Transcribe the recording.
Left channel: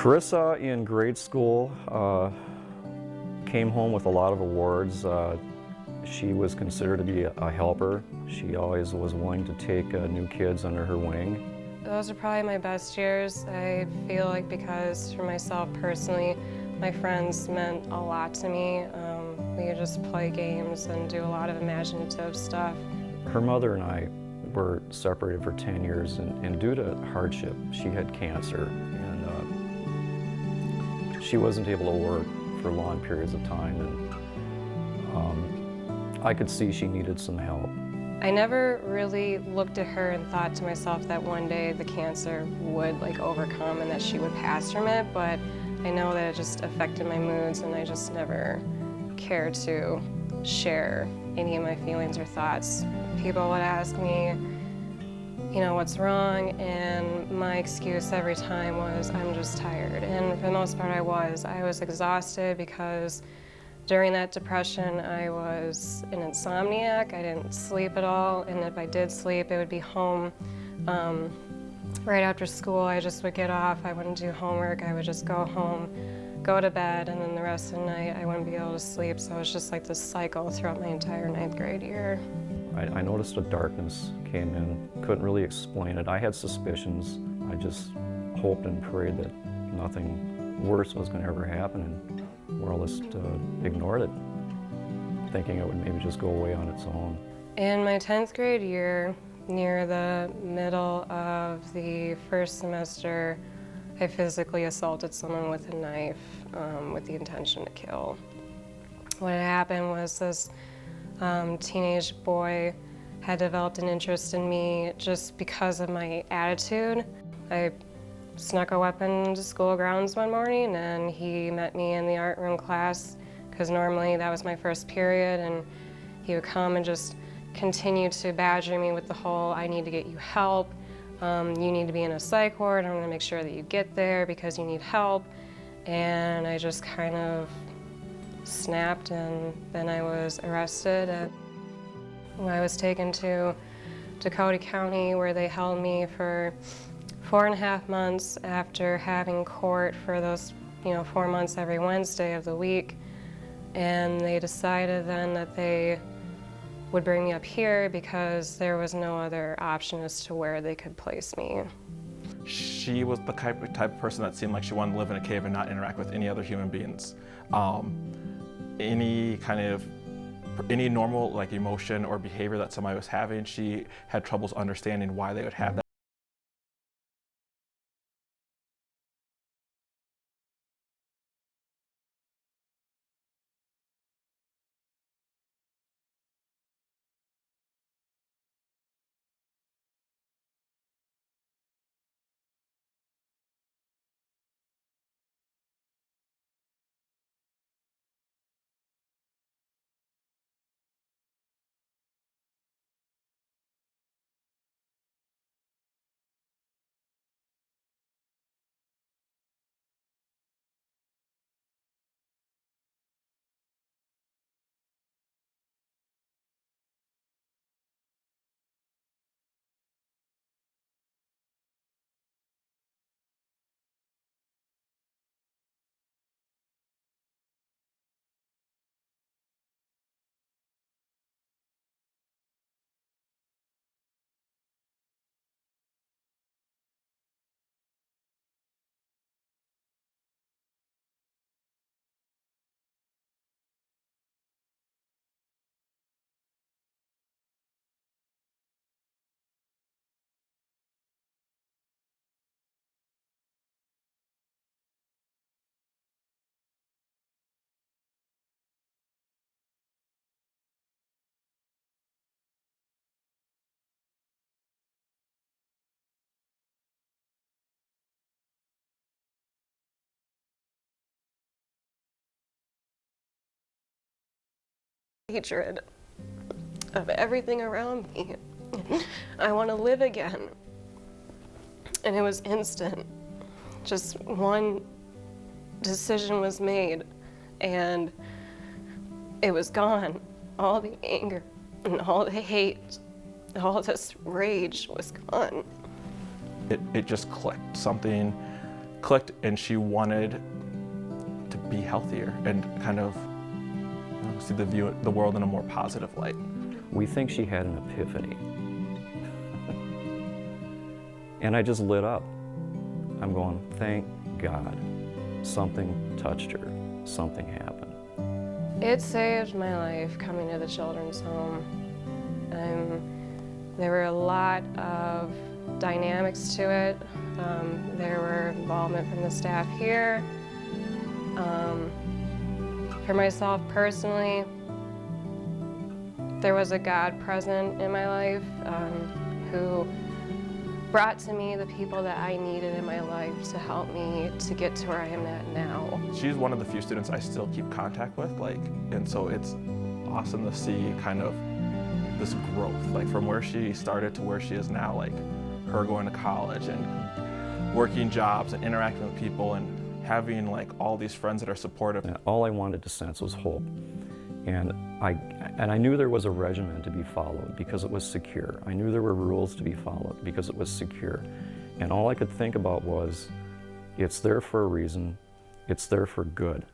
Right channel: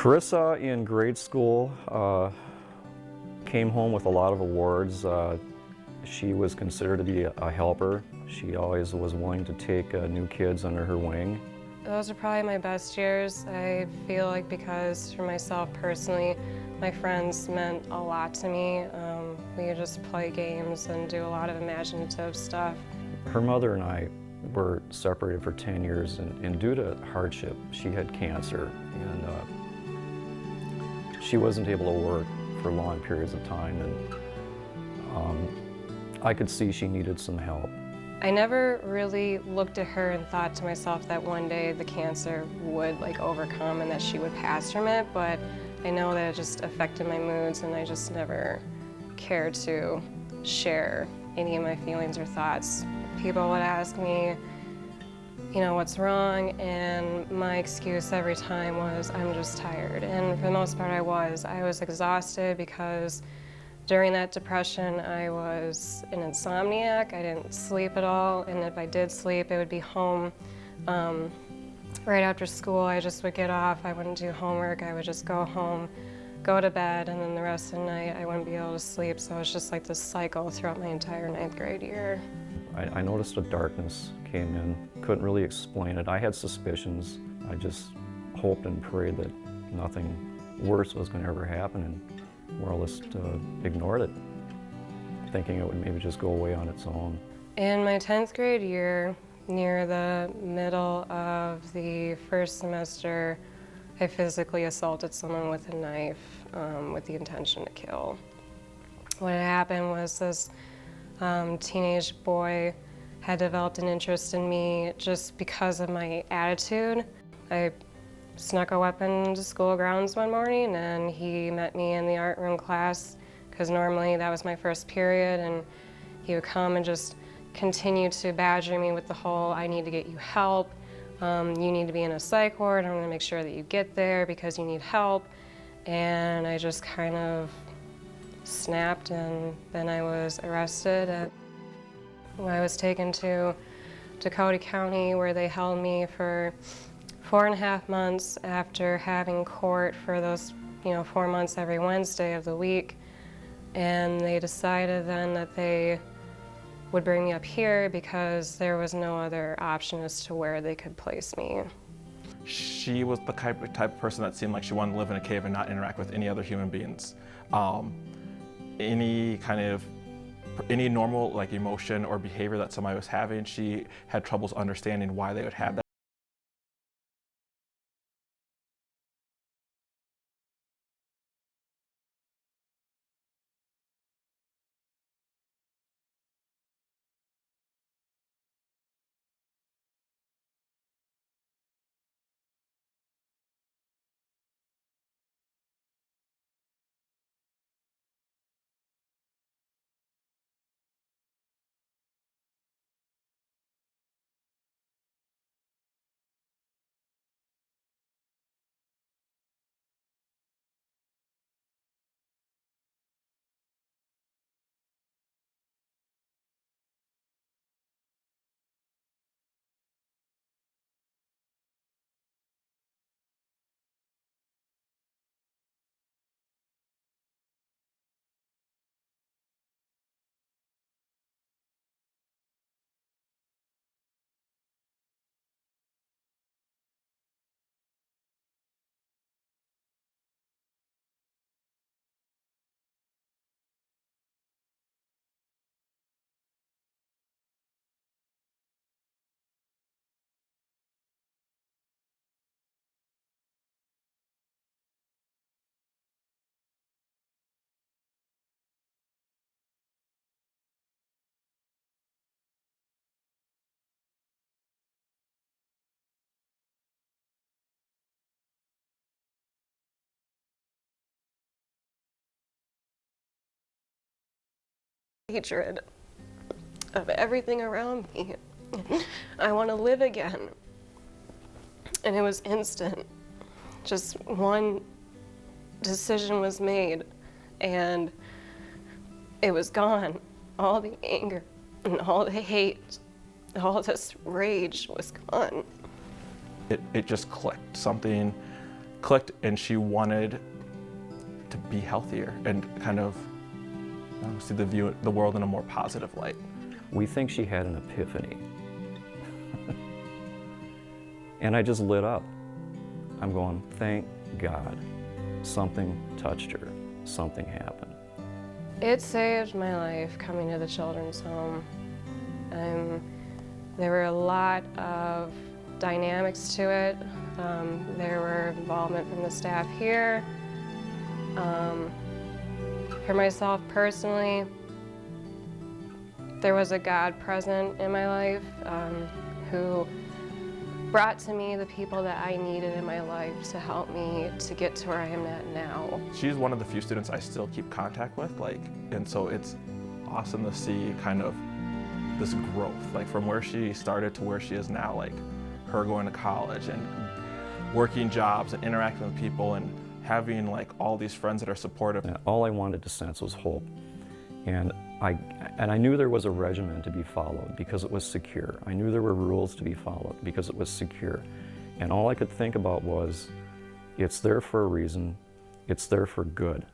Carissa in grade school came home with a lot of awards. She was considered to be a helper. She always was willing to take new kids under her wing. Those are probably my best years. I feel like because for myself personally, my friends meant a lot to me. We could just play games and do a lot of imaginative stuff. Her mother and I were separated for 10 years, and due to hardship, she had cancer, and she wasn't able to work for long periods of time, and I could see she needed some help. I never really looked at her and thought to myself that one day the cancer would overcome and that she would pass from it, but I know that it just affected my moods, and I just never cared to share any of my feelings or thoughts. People would ask me, what's wrong? And my excuse every time was, I'm just tired. And for the most part, I was exhausted because during that depression, I was an insomniac. I didn't sleep at all, and if I did sleep, it would be home. Right after school, I just would get off. I wouldn't do homework. I would just go home, go to bed, and then the rest of the night, I wouldn't be able to sleep. So it was just like this cycle throughout my entire 9th grade year. I noticed a darkness came in. Couldn't really explain it. I had suspicions. I just hoped and prayed that nothing worse was going to ever happen, and more or less ignored it, thinking it would maybe just go away on its own. In my 10th grade year, near the middle of the first semester, I physically assaulted someone with a knife with the intention to kill. What had happened was this teenage boy had developed an interest in me just because of my attitude. I snuck a weapon into school grounds one morning, and he met me in the art room class, because normally that was my first period, and he would come and just continue to badger me with the whole, I need to get you help, you need to be in a psych ward, I'm going to make sure that you get there because you need help. And I just kind of snapped, and then I was arrested. I was taken to Dakota County, where they held me for 4.5 months after having court for those 4 months every Wednesday of the week. And they decided then that they would bring me up here because there was no other option as to where they could place me. She was the type of person that seemed like she wanted to live in a cave and not interact with any other human beings. Any normal emotion or behavior that somebody was having, she had troubles understanding why they would have that. Hatred of everything around me. I want to live again. And it was instant. Just one decision was made, and it was gone. All the anger and all the hate, all this rage was gone. It just clicked. Something clicked, and she wanted to be healthier and kind of see the world in a more positive light. We think she had an epiphany. And I just lit up. I'm going, thank God. Something touched her. Something happened. It saved my life coming to the children's home. There were a lot of dynamics to it. There were involvement from the staff here. For myself personally, there was a God present in my life who brought to me the people that I needed in my life to help me to get to where I am at now. She's one of the few students I still keep contact with, and so it's awesome to see kind of this growth, from where she started to where she is now, her going to college and working jobs and interacting with people and having all these friends that are supportive. And all I wanted to sense was hope. And I knew there was a regimen to be followed because it was secure. I knew there were rules to be followed because it was secure. And all I could think about was, it's there for a reason, it's there for good.